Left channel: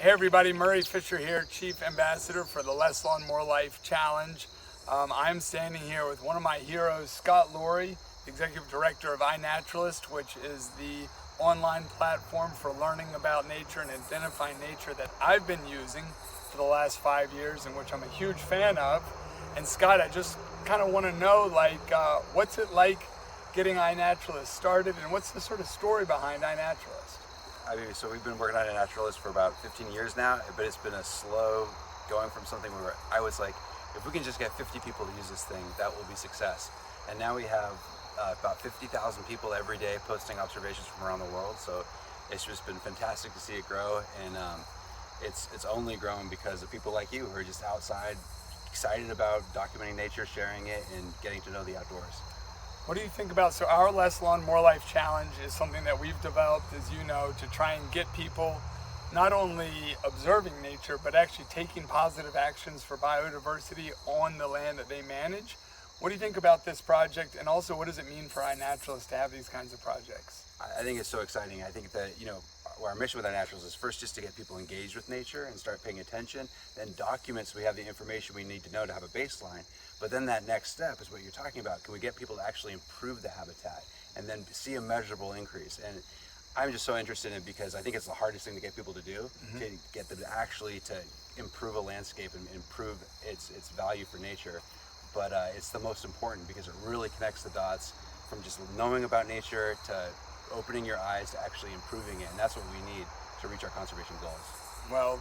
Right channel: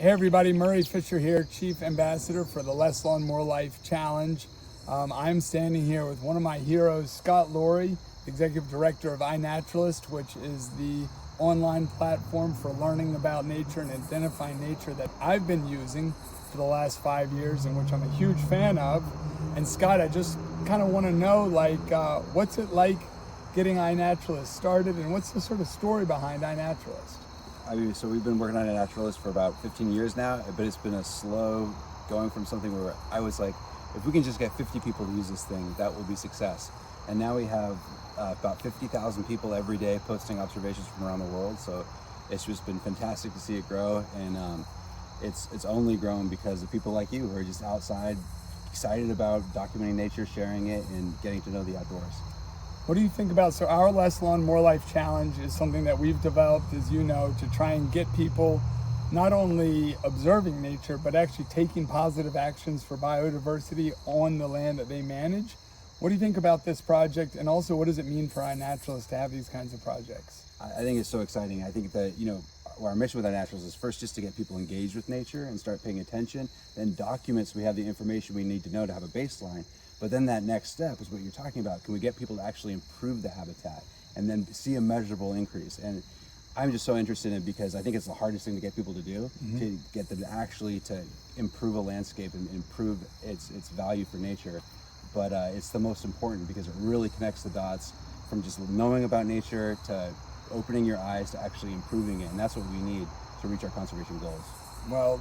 Hey everybody, Murray Fisher here, Chief Ambassador for the Less Lawn More Life Challenge. I'm standing here with one of my heroes, Scott Loarie, Executive Director of iNaturalist, which is the online platform for learning about nature and identifying nature that I've been using for the last 5 years and which I'm a huge fan of. And Scott, I just kind of want to know, what's it like getting iNaturalist started, and what's the sort of story behind iNaturalist? So we've been working on iNaturalist for about 15 years now, but it's been a slow going from something where I was like, if we can just get 50 people to use this thing, that will be success. And now we have about 50,000 people every day posting observations from around the world. So it's just been fantastic to see it grow, and it's only grown because of people like you who are just outside, excited about documenting nature, sharing it, and getting to know the outdoors. What do you think about, so our Less Lawn More Life Challenge is something that we've developed, as you know, to try and get people not only observing nature, but actually taking positive actions for biodiversity on the land that they manage. What do you think about this project, and also what does it mean for iNaturalist to have these kinds of projects? I think it's so exciting. I think that, our mission with iNaturalist is first just to get people engaged with nature and start paying attention, then document so we have the information we need to know to have a baseline. But then that next step is what you're talking about. Can we get people to actually improve the habitat and then see a measurable increase? And I'm just so interested in it because I think it's the hardest thing to get people to do, to get them to actually to improve a landscape and improve its value for nature. But it's the most important because it really connects the dots from just knowing about nature to opening your eyes to actually improving it. And that's what we need to reach our conservation goals. Well,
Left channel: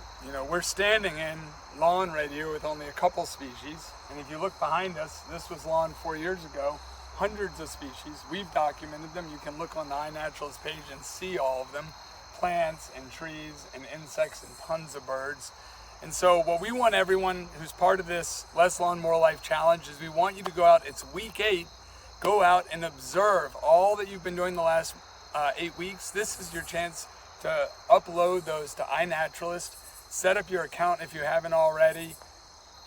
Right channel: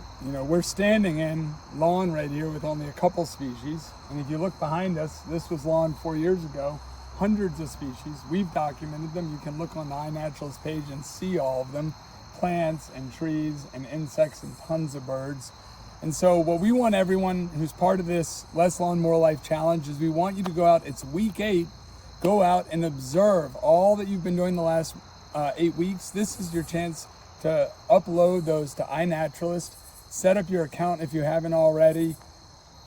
we're standing in lawn right here with only a couple species. And if you look behind us, this was lawn 4 years ago. Hundreds of species. We've documented them. You can look on the iNaturalist page and see all of them. Plants and trees and insects and tons of birds. And so what we want everyone who's part of this Less Lawn More Life Challenge is we want you to go out. It's week 8. Go out and observe all that you've been doing the last 8 weeks. This is your chance to upload those to iNaturalist. Set up your account if you haven't already.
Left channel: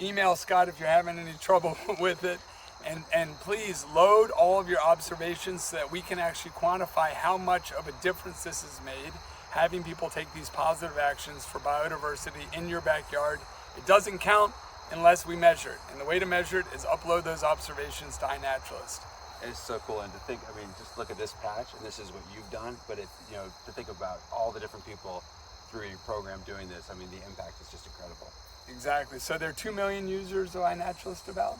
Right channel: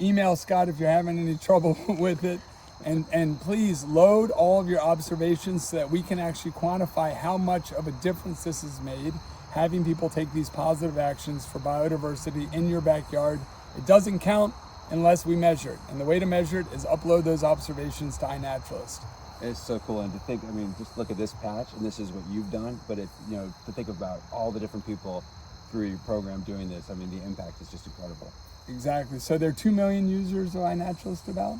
Email Scott if you're having any trouble with it. And please load all of your observations so that we can actually quantify how much of a difference this has made, having people take these positive actions for biodiversity in your backyard. It doesn't count unless we measure it. And the way to measure it is upload those observations to iNaturalist. It's so cool, and to think, just look at this patch, and this is what you've done, but to think about all the different people through your program doing this, the impact is just incredible. Exactly. So there are 2 million users of iNaturalist about?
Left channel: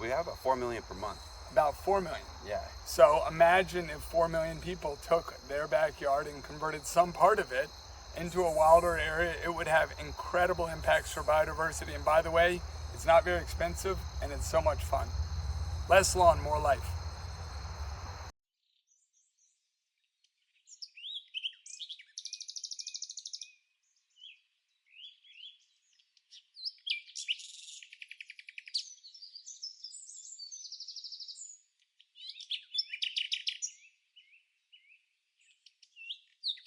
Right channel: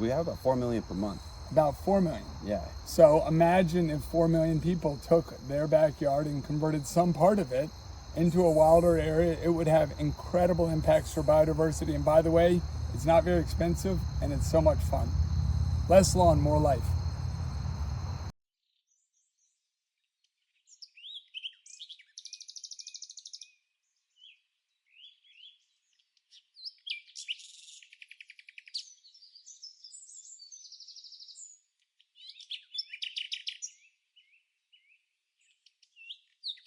We have about 4 million per month. About 4 million? Yeah. So imagine if 4 million people took their backyard and converted some part of it into a wilder area. It would have incredible impacts for biodiversity. And by the way, it's not very expensive and it's so much fun. Less lawn, more life.